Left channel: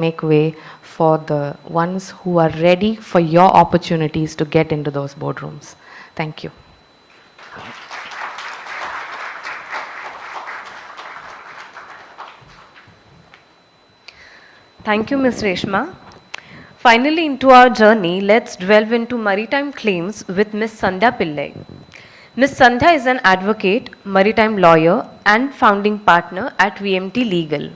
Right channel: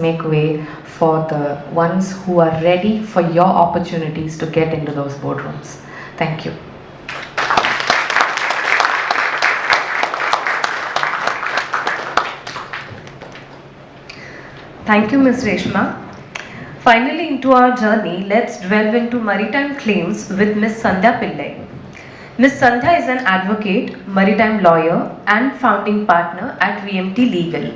make way for the ones who are ready for your opportunities to get into those boardrooms. Thank you. Thank you, Ms. Reshma. Finally, into our journey, let's delve into maritime claims with Ms. Sandhya Pillai. Ms. Sandhya is an advocate, maritime lawyer, and founding partner at VMT Legal.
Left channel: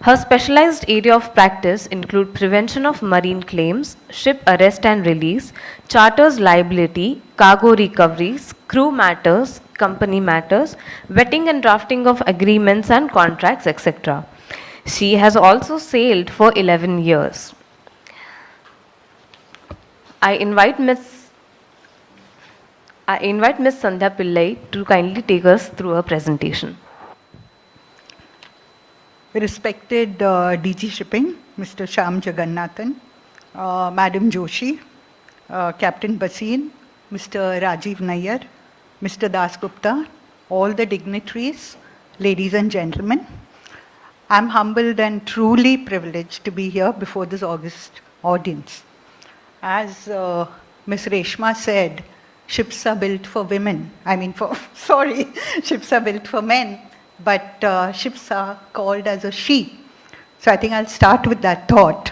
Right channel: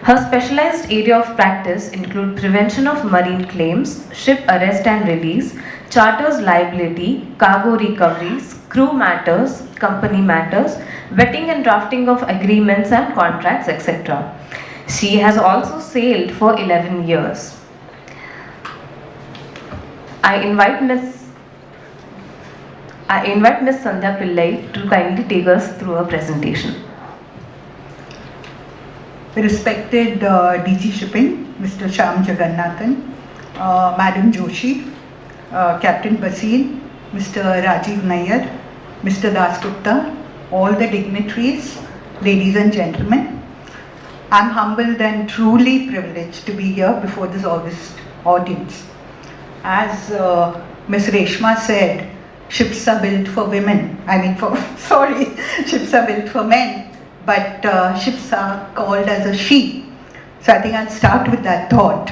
Her specialized area of practice include prevention of marine claims, ship arrest and release, charters liability, cargo recoveries, crew matters, company matters, vetting and drafting of agreements and contracts, etc. She has also sailed for 11 years. I invite Ms. Sandhya Pillai to kindly take us through her presentation. The respected DG Shipping, Mr. Shyam Jagannathan, Madam Joshi, Captain Basin, Mr. Rajiv Nair, Mr. Dasgupta, all the dignitaries, ladies and gentlemen, I'm humbled and truly privileged to be here before this august audience. As Ms. Reshma said, ships are built for women. Ships are built for men, but ships are called as a she. So I think I'll start with that thought.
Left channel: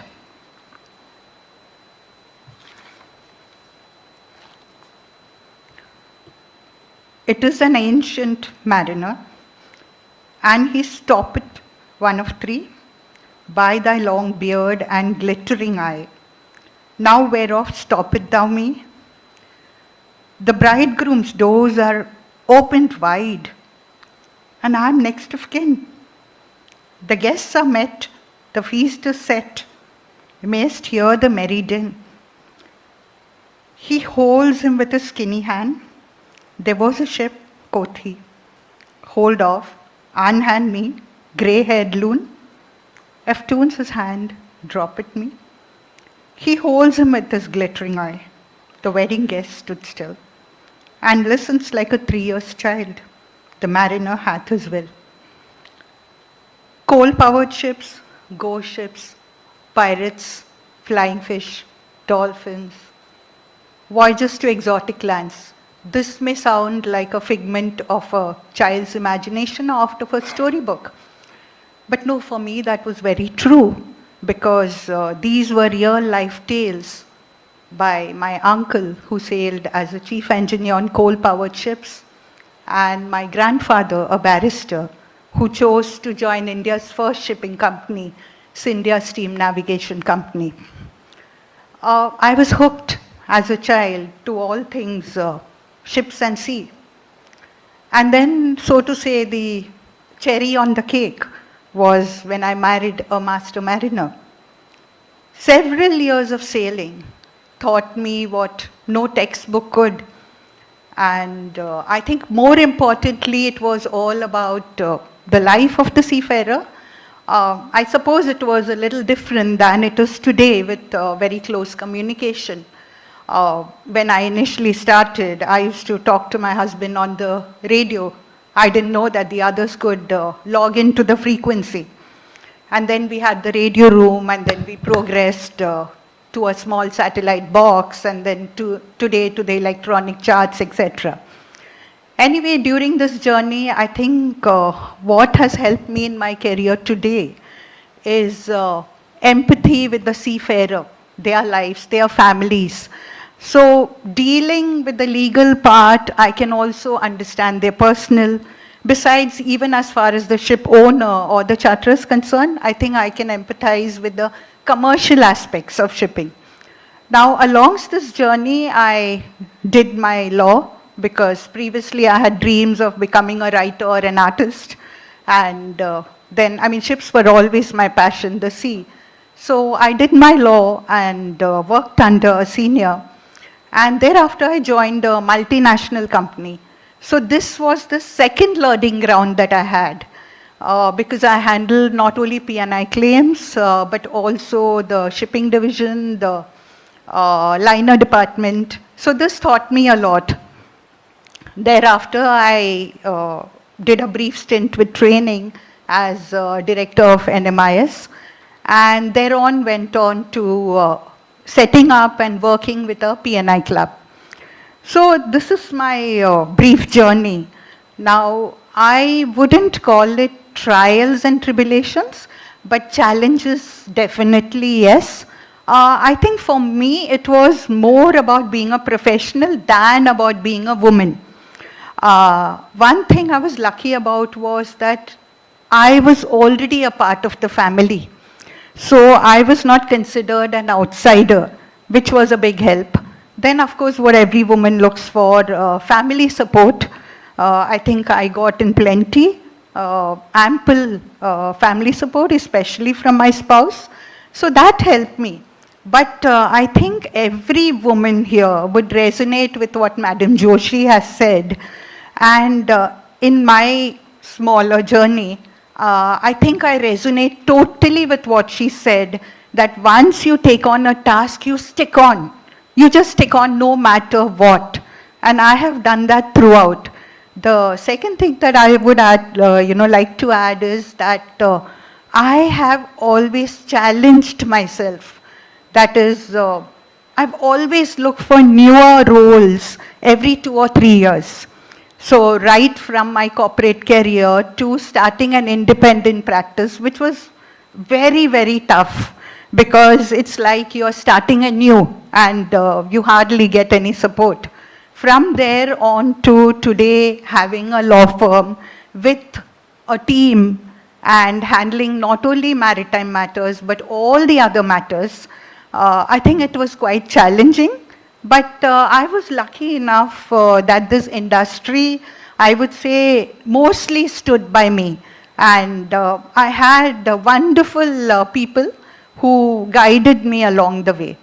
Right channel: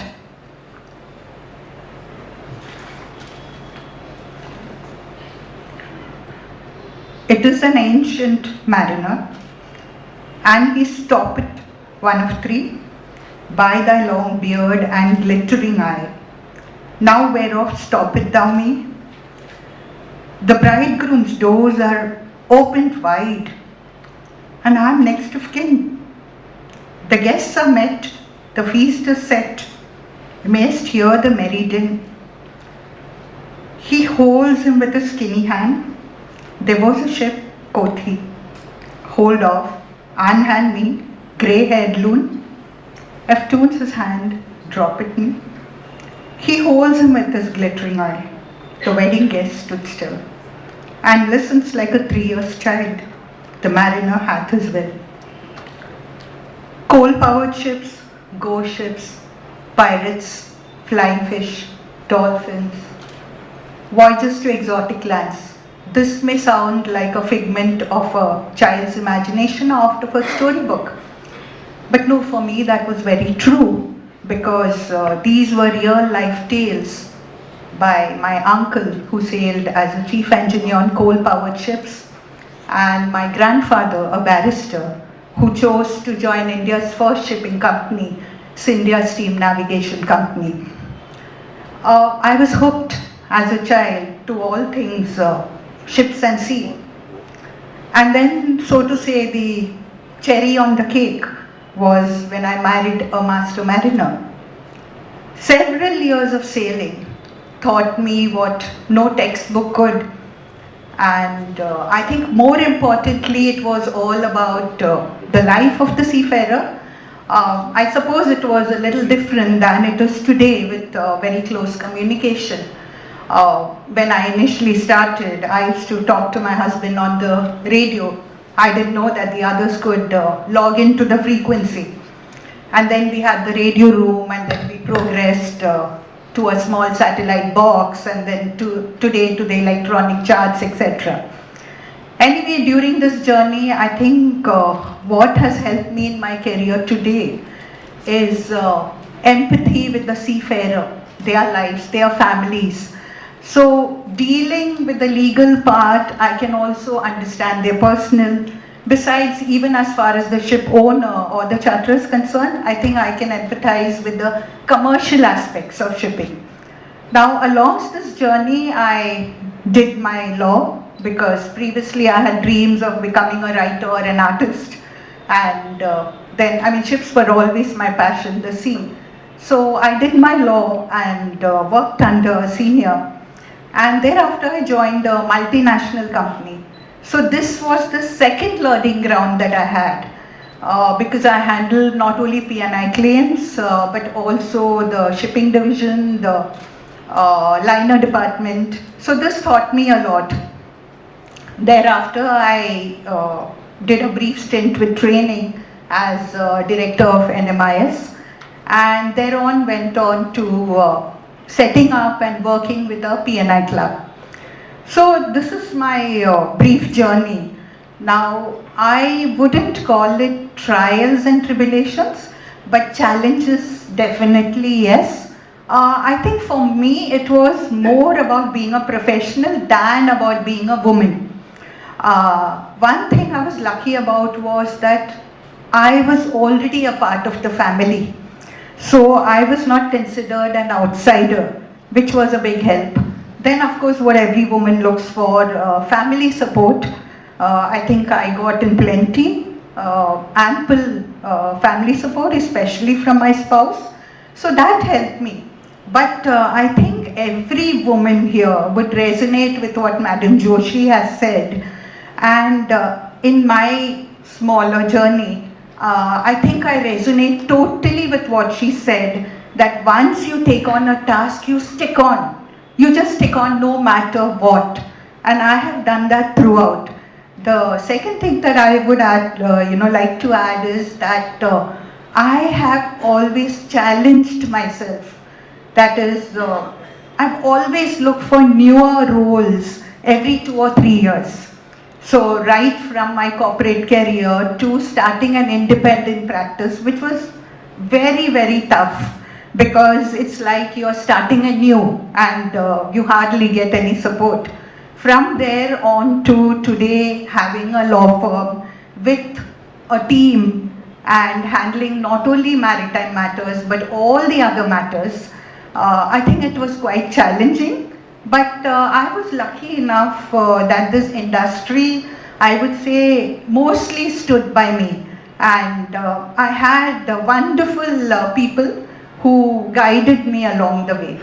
It is an ancient mariner, and he stoppeth, one of three, by thy long beard and glittering eye. Now whereof stoppeth thou me? The bridegroom's doors are opened wide, and I am next of kin. The guests are met, the feast is set, mayst hear the merry din. He holds him with a skinny hand. There was a ship, quoth he. Hold off, unhand me, grey-haired loon. Eftunes his hand, drop it me. He holds him with his glittering eye. The wedding guest stood still, and listens like a 3 years child. The mariner hath his will. Coal-powered ships, ghost ships, pirates, flying fish, dolphins, voyages to exotic lands. This may sound like a figment of a child's imagination or out of a storybook. But no, for me that was very true, because these were real life tales by my uncle, who sailed as a chief engineer on coal-powered ships, and my grandfather, a barrister, who chose to join India's first shipping company, India Steam Navigation Company. I was hooked as a child to all things ships and sea. And then, so to say, the cherry on the cake was when I married a master mariner. Several years of sailing taught me what no textbook could, and I think more importantly it was all about the life of the seafarer. I suppose it was a little different than it is today with very close communication. When I initially started, I used to talk to my husband on the radio. I didn't know that the others could log into the frequency. And then we had the radio room, and then we progressed to a small satellite box, and then today to the electronic charts, etc. Anyway, during this journey, I think what has helped me in my career today is empathy with the seafarer, their lives, their families. So dealing with the legal part, I can also understand their personal. Besides, even as far as the ship owner or the charterer is concerned, I think I can empathize with the commercial aspects of shipping. Now, along this journey, I did my law, because previously I had dreams of becoming a writer or an artist. And then, ships were always my passion, the sea. So I did my law and worked under a senior. And thereafter I joined a multinational company. So this was the second learning ground that I had, because I handled not only P&I claims, but also the shipping division, the liner department. So this taught me a lot. Thereafter I did a brief stint with training as director of NMIS. and thereon went on to setting up and working with a PNI club. So this is my brief journey. Now, I wouldn't call it trials and tribulations, but challenges definitely yes. I think for me it was more about being a professional than about being a woman. One thing I was lucky about was that I was already a part of the family. So I was not considered an outsider, which was a big help. Then, of course, what every woman looks for, family support. I think I got in plenty, ample family support, especially from my spouse. So that helped me. But I think every woman here would resonate with what Madam Joshi has said. And in my smaller journey, I think I resonate totally with what she said, that once you take on a task, you stick on. You just stick on no matter what. And I have done that throughout. The second thing that I would add, like to add is that I have always challenged myself. That is, I've always looked for newer roles every 2 or 3 years. So right from my corporate career to starting an independent practice, which was very, very tough, because it's like you're starting anew and you hardly get any support. From there on to today, having a law firm with a team and handling not only maritime matters but all the other matters, I think it was quite challenging. But I was lucky enough that this industry, I would say, mostly stood by me. And I had wonderful people who guided me along the way.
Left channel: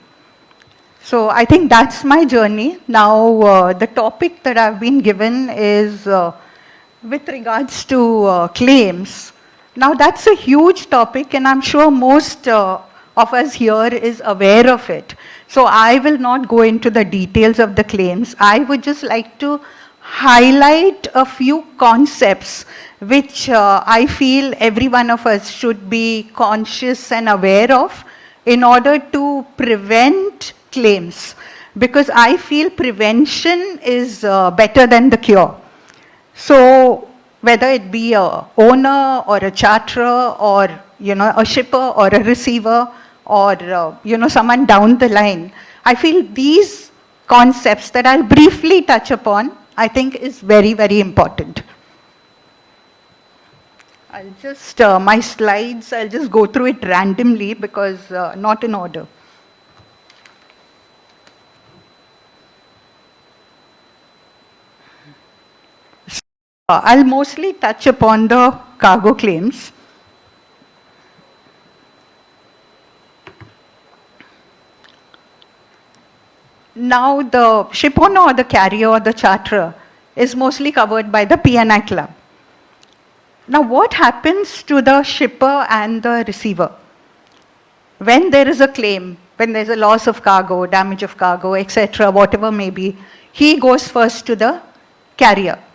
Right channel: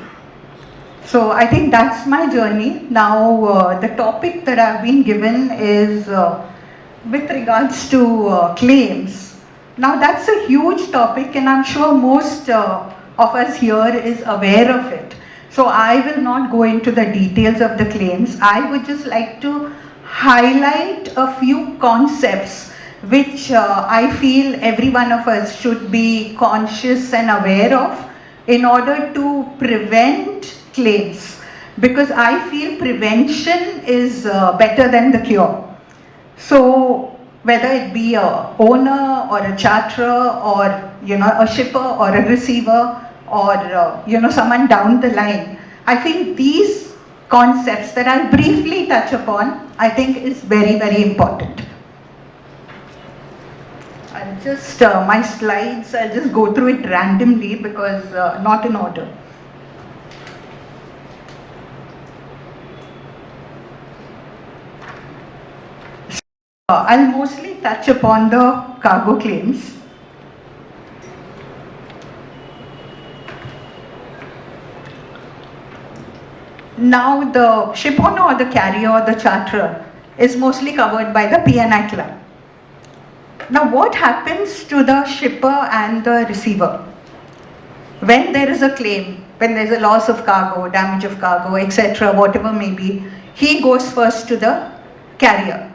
So I think that's my journey. Now the topic that I've been given is with regards to claims. Now that's a huge topic and I'm sure most of us here is aware of it. So I will not go into the details of the claims. I would just like to highlight a few concepts which I feel every one of us should be conscious and aware of in order to prevent claims. Because I feel prevention is better than the cure. So whether it be a owner or a charterer or a shipper or a receiver or someone down the line, I feel these concepts that I'll briefly touch upon, I think is very, very important. I'll just, my slides, I'll just go through it randomly because not in order. I'll mostly touch upon the cargo claims. Now the ship owner or the carrier or the charterer is mostly covered by the P&I club. Now what happens to the shipper and the receiver? When there is a claim, when there is a loss of cargo, damage of cargo, etc., whatever may be, he goes first to the carrier.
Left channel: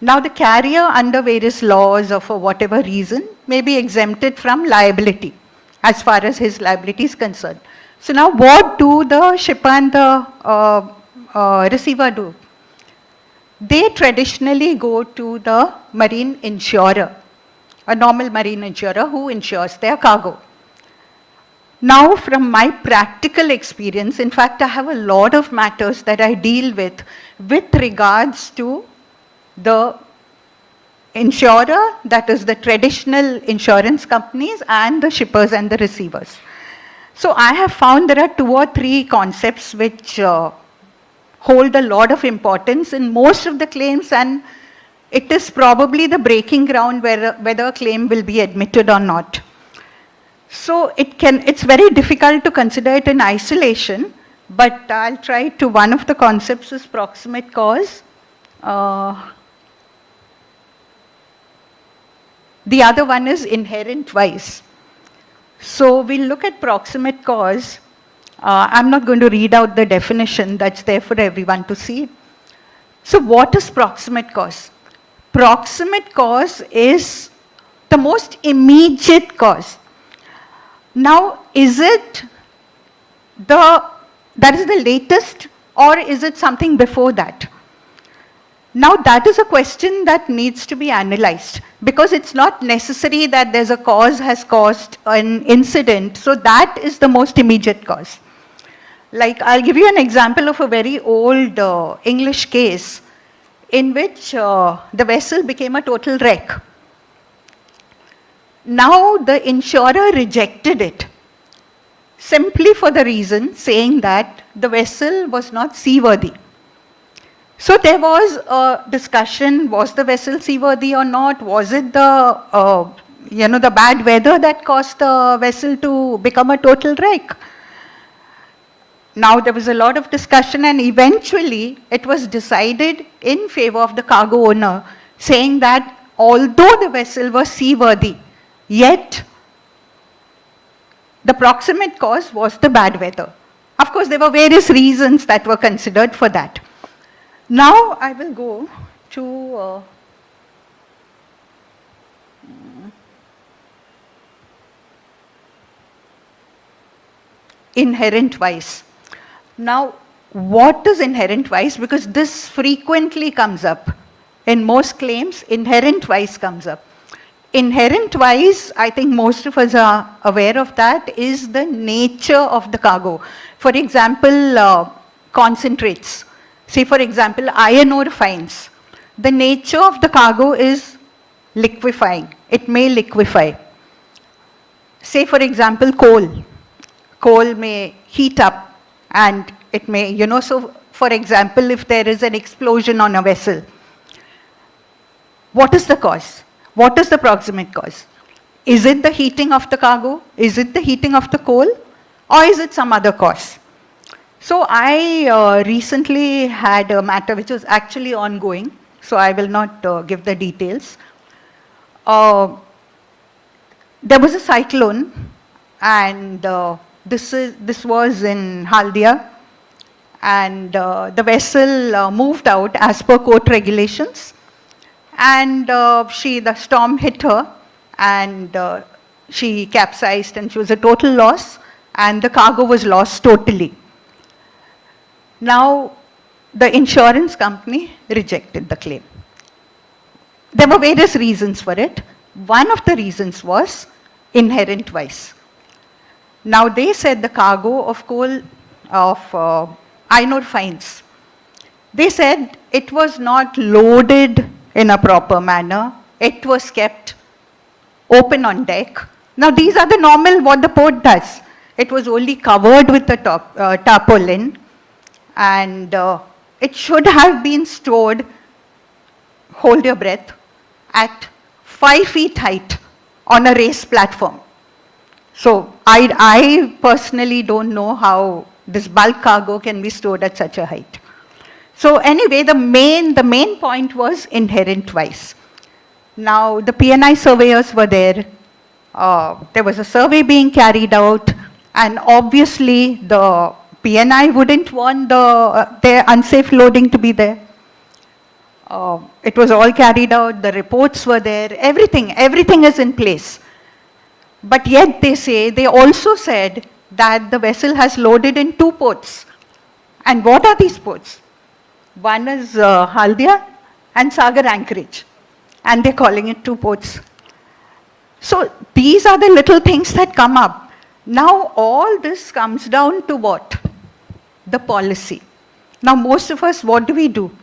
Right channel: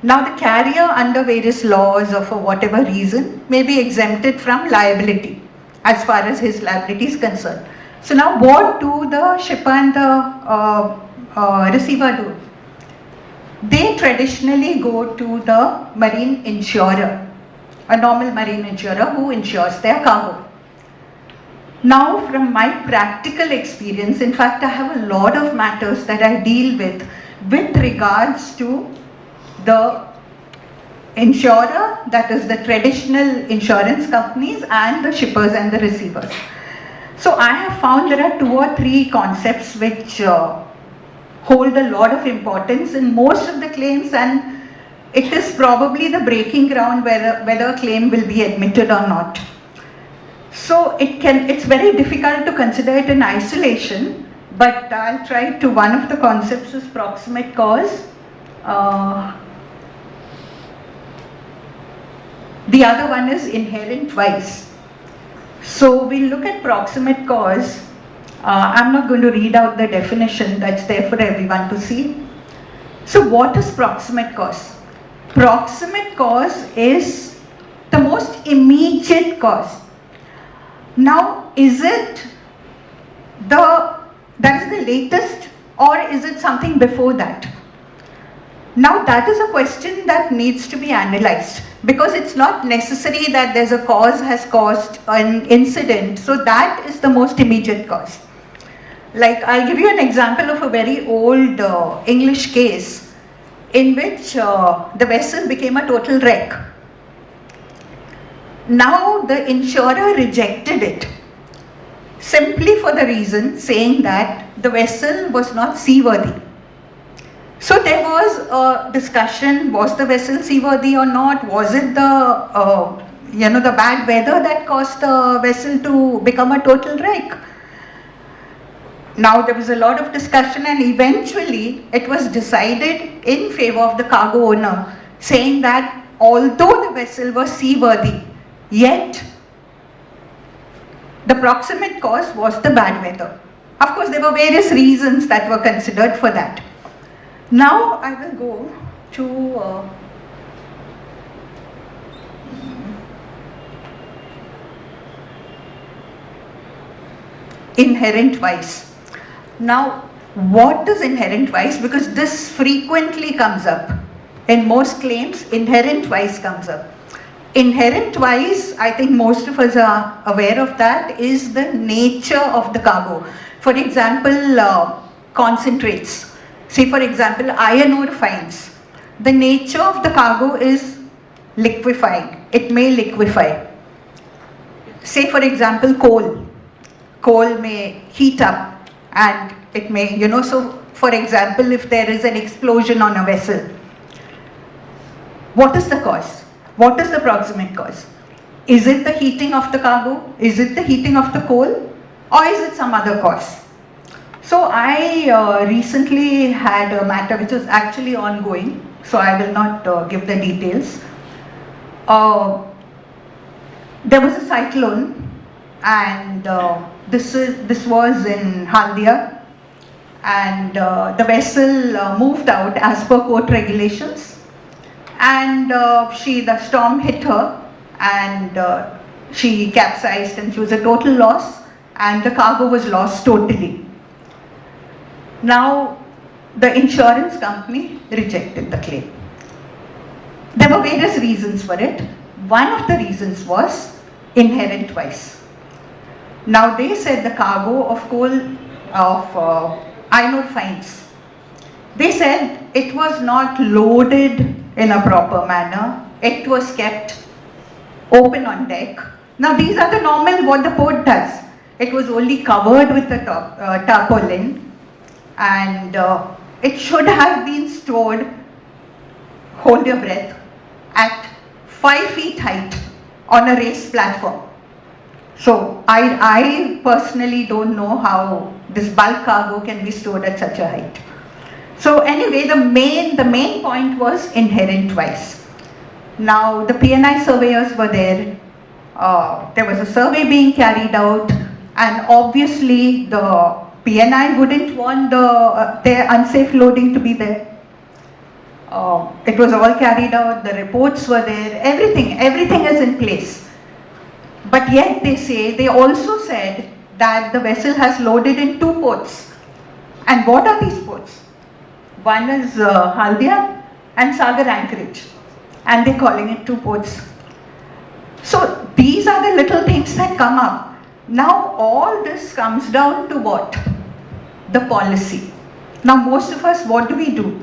Now the carrier, under various laws or for whatever reason, may be exempted from liability as far as his liability is concerned. So now what do the shipper and the receiver do? They traditionally go to the marine insurer, a normal marine insurer who insures their cargo. Now from my practical experience, in fact I have a lot of matters that I deal with regards to the insurer, that is the traditional insurance companies, and the shippers and the receivers. So I have found there are 2 or 3 concepts which hold a lot of importance in most of the claims, and it is probably the breaking ground whether a claim will be admitted or not. So it's very difficult to consider it in isolation, but I'll try to. One of the concepts is proximate cause. The other one is inherent vice. So we'll look at proximate cause. I'm not going to read out the definition, that's there for everyone to see. So what is proximate cause? Proximate cause is the most immediate cause. Now, is it that is the latest, or is it something before that? Now that is a question that needs to be analyzed, because it's not necessary that there's a cause has caused an incident, so that is the most immediate cause. Like, I'll give you an example of a very old English case in which the vessel became a total wreck. Now the insurer rejected it, simply for the reason saying that the vessel was not seaworthy. So there was a discussion, was the vessel seaworthy or not? Was it the bad weather that caused the vessel to become a total wreck? Now there was a lot of discussion, and eventually it was decided in favor of the cargo owner, saying that although the vessel was seaworthy, yet the proximate cause was the bad weather. Of course, there were various reasons that were considered for that. Now I will go to inherent vice. Now, what is inherent vice? Because this frequently comes up. In most claims, inherent vice comes up. Inherent vice, I think most of us are aware of that, is the nature of the cargo. For example, concentrates. Say for example, iron ore fines. The nature of the cargo is liquefying. It may liquefy. Say for example, coal. Coal may heat up and it may, so for example, if there is an explosion on a vessel, what is the cause? What is the proximate cause? Is it the heating of the cargo? Is it the heating of the coal? Or is it some other cause? So I recently had a matter which was actually ongoing, so I will not give the details. There was a cyclone, and this was in Haldia, and the vessel moved out as per port regulations, and the storm hit her, and she capsized, and she was a total loss, and the cargo was lost totally. Now, the insurance company rejected the claim. There were various reasons for it. One of the reasons was inherent vice. Now, they said the cargo of coal, of iron ore fines, they said it was not loaded in a proper manner. It was kept open on deck. Now, these are the normal what the port does. It was only covered with the tarpaulin, and it should have been stored, hold your breath, at 5 feet height on a raised platform. So I personally don't know how this bulk cargo can be stored at such a height. So anyway, the main point was inherent vice. Now the P&I surveyors were there. There was a survey being carried out, and obviously the P&I wouldn't want their unsafe loading to be there. It was all carried out, the reports were there, everything is in place. But yet they also said that the vessel has loaded in 2 ports. And what are these ports? One is Haldia and Sagar Anchorage, and they're calling it 2 ports. So these are the little things that come up. Now all this comes down to what? The policy. Now most of us, what do?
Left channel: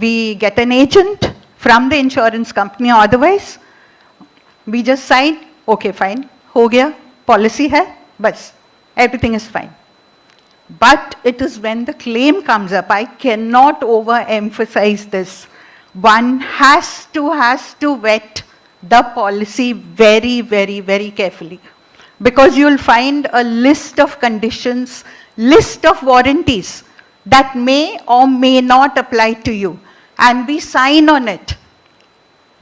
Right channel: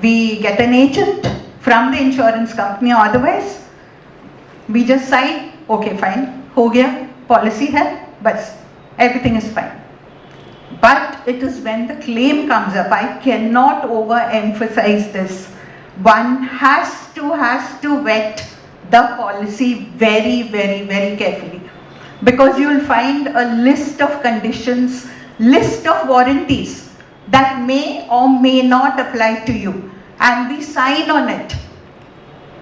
We get an agent from the insurance company, or otherwise we just sign, okay fine, ho gaya, policy hai, bas, everything is fine. But it is when the claim comes up, I cannot overemphasize this. One has to vet the policy very, very, very carefully, because you'll find a list of conditions, list of warranties that may or may not apply to you, and we sign on it,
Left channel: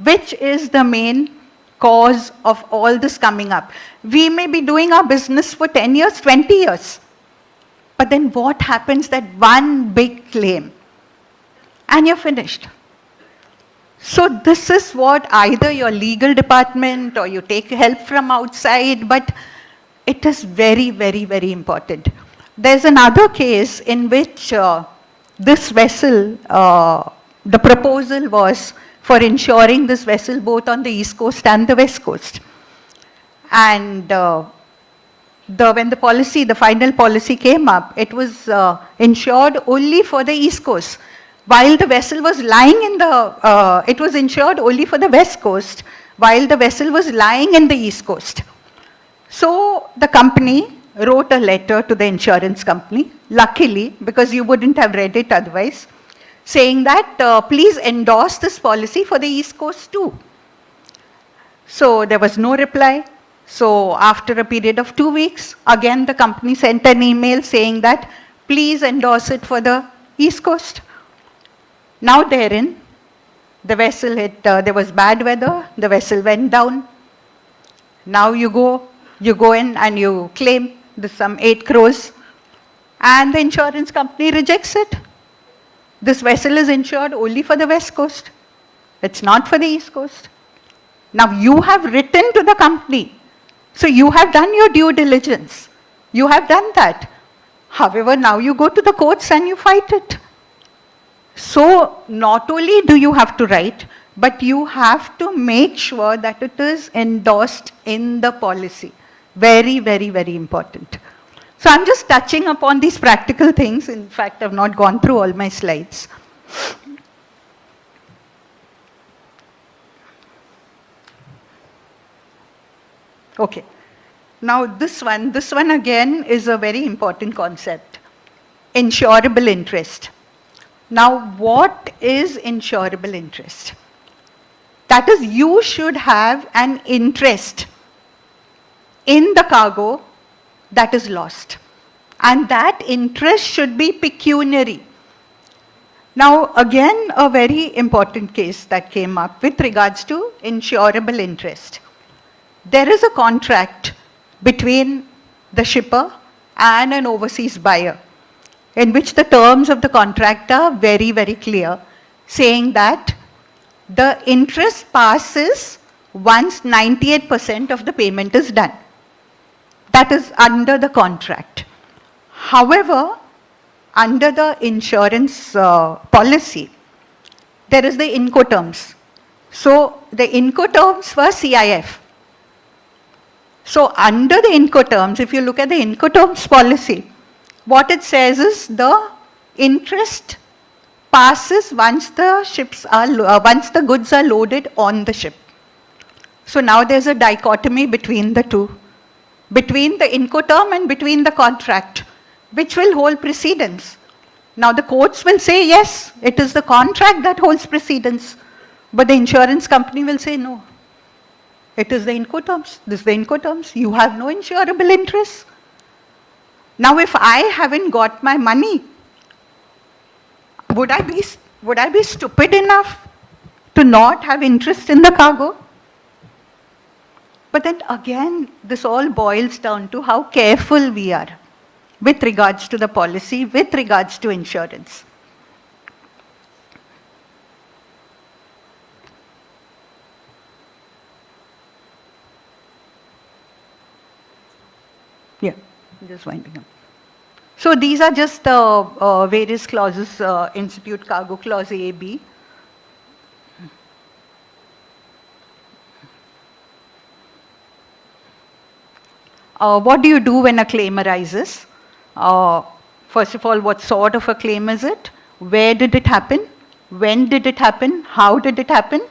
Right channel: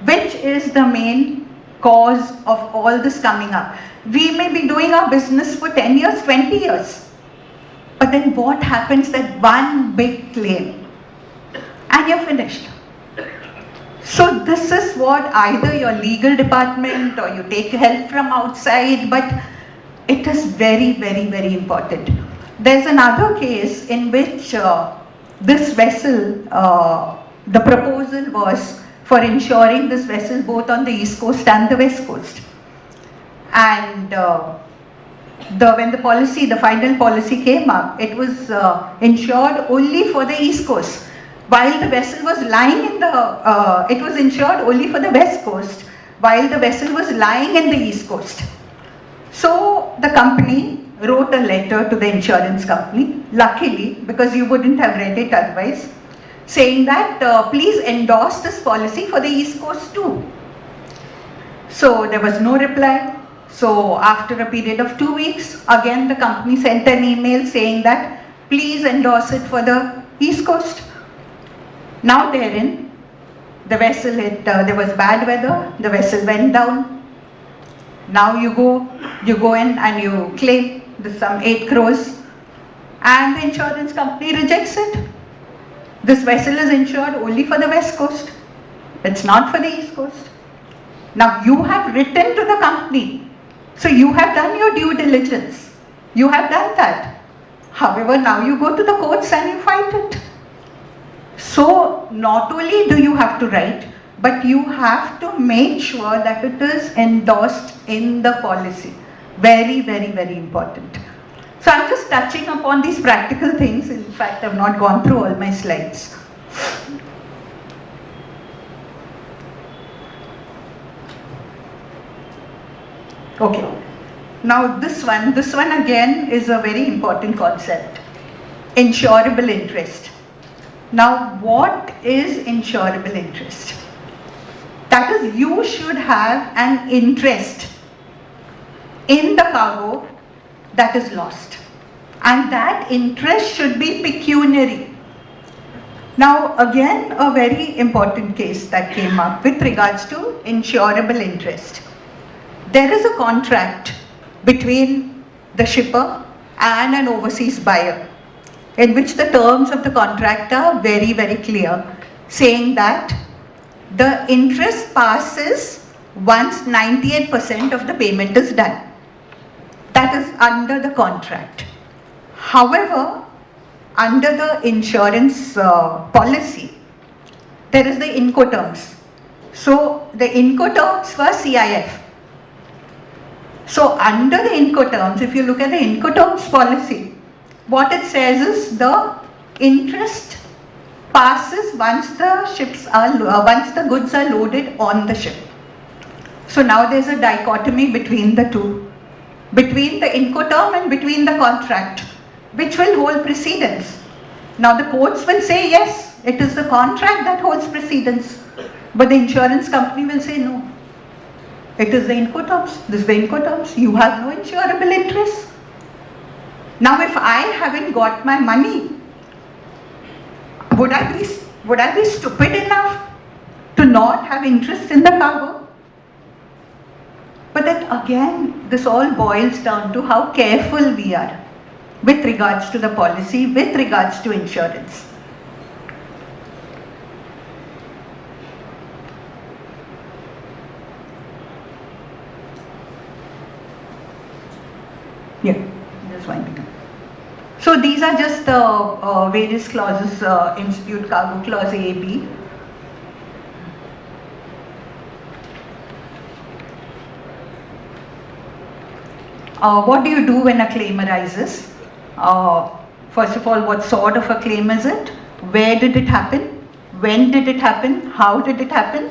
which is the main cause of all this coming up. We may be doing our business for 10 years, 20 years, but then what happens, that one big claim and you're finished. So this is what either your legal department or you take help from outside, but It is very, very, very important. There's another case in which this vessel, the proposal was for insuring this vessel both on the east coast and the west coast. And when the final policy came up, it was insured only for the east coast. While the vessel was lying in it was insured only for the west coast, while the vessel was lying in the east coast. So the company wrote a letter to the insurance company, luckily, because you wouldn't have read it otherwise, saying that please endorse this policy for the east coast too. So there was no reply. So after a period of 2 weeks, again the company sent an email saying that please endorse it for the east coast. Now therein, the vessel there was bad weather, the vessel went down. Now you go in and you claim some 8 crores and the insurance company rejects it. This vessel is insured only for the west coast. It's not for the east coast. Now you have written to the company. So you have done your due diligence. You have done that. However, now you go to the courts and you fight it. So not only do you have to write, but you have to make sure that it is endorsed in the policy. Very, very, very important. So I'm just touching upon these practical things. In fact, I've not gone through all my slides. Okay. Now this one again is a very important concept. Insurable interest. Now what is insurable interest? That is, you should have an interest in the cargo that is lost. And that interest should be pecuniary. Now again, a very important case that came up with regards to insurable interest. There is a contract between the shipper and an overseas buyer, in which the terms of the contract are very, very clear, saying that the interest passes once 98% of the payment is done. That is under the contract. However, under the insurance policy, there is the Incoterms. So the Incoterms for CIF. So under the Incoterms, if you look at the Incoterms policy, what it says is the interest passes once the goods are loaded on the ship. So now there's a dichotomy between the two, between the Incoterm and between the contract, which will hold precedence. Now the courts will say yes, it is the contract that holds precedence, but the insurance company will say no. It is the Incoterms. This is the Incoterms. You have no insurable interest. Now if I haven't got my money, would I be stupid enough to not have interest in the cargo? But then again, this all boils down to how careful we are with regards to the policy, with regards to insurance. Yeah, just one minute. So these are just the various clauses, Institute Cargo Clause A, B. What do you do when a claim arises? First of all, what sort of a claim is it? Where did it happen? When did it happen? How did it happen?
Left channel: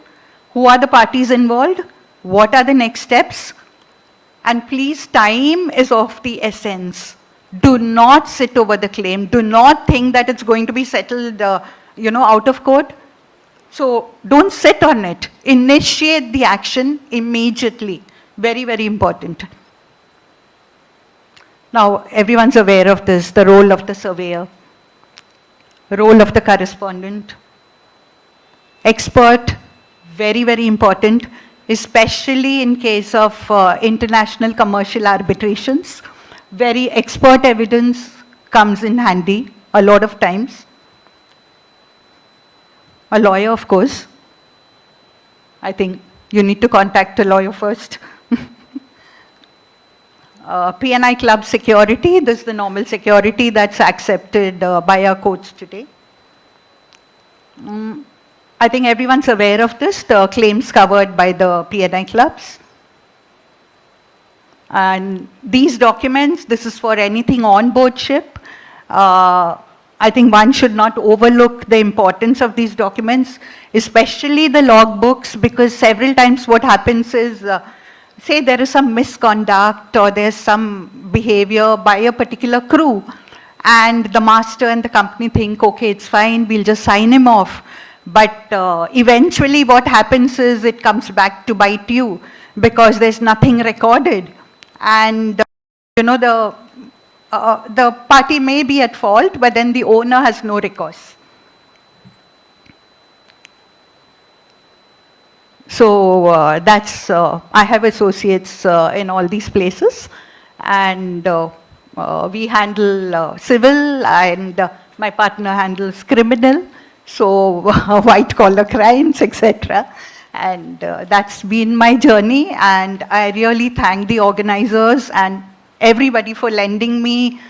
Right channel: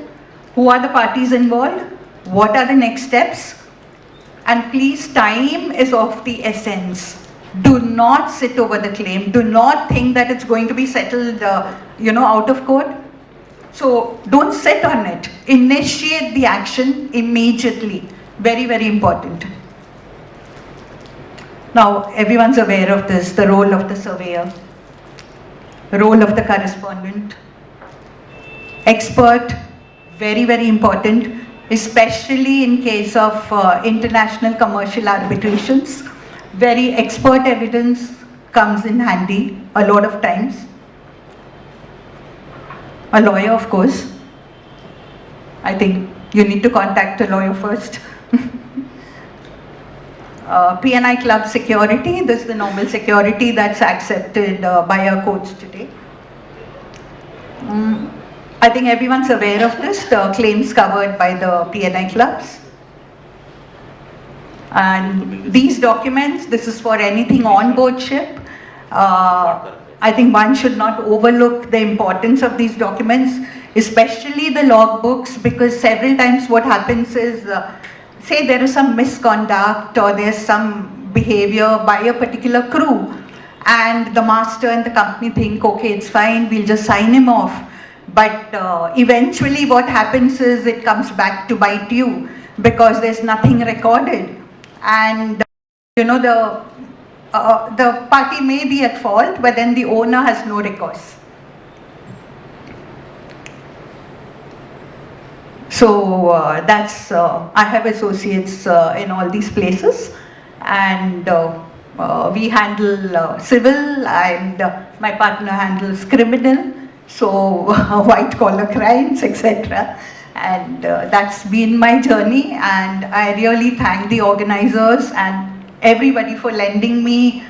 Who are the parties involved? What are the next steps? And please, time is of the essence. Do not sit over the claim. Do not think that it's going to be settled, out of court. So don't sit on it. Initiate the action immediately. Very, very important. Now, everyone's aware of this, the role of the surveyor, the role of the correspondent. Expert, very, very important, especially in case of international commercial arbitrations. Very expert evidence comes in handy a lot of times. A lawyer, of course. I think you need to contact a lawyer first. P&I Club security. This is the normal security that's accepted by our courts today. I think everyone's aware of this, the claims covered by the P&I clubs. And these documents, this is for anything on board ship. I think one should not overlook the importance of these documents, especially the logbooks, because several times what happens is, say there is some misconduct or there's some behavior by a particular crew, and the master and the company think, okay, it's fine, we'll just sign him off. But eventually what happens is it comes back to bite you because there's nothing recorded. And you know, the party may be at fault, but then the owner has no recourse. So that's, I have associates in all these places, and we handle civil, and my partner handles criminal, so white collar crimes, etc. And that's been my journey, and I really thank the organizers and everybody for lending me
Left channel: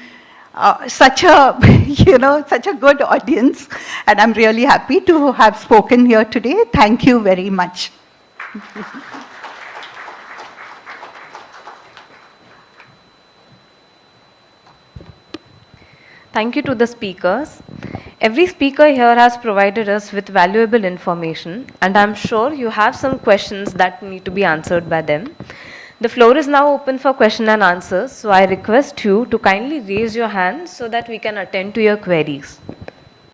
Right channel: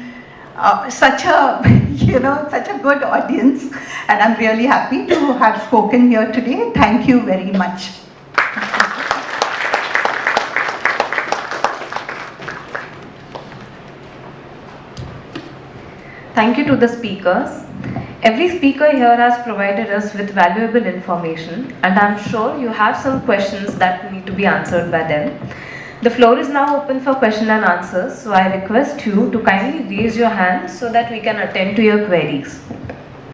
such a, you know, such a good audience, and I'm really happy to have spoken here today. Thank you very much. Thank you to the speakers. Every speaker here has provided us with valuable information, and I'm sure you have some questions that need to be answered by them. The floor is now open for question and answers, so I request you to kindly raise your hand so that we can attend to your queries.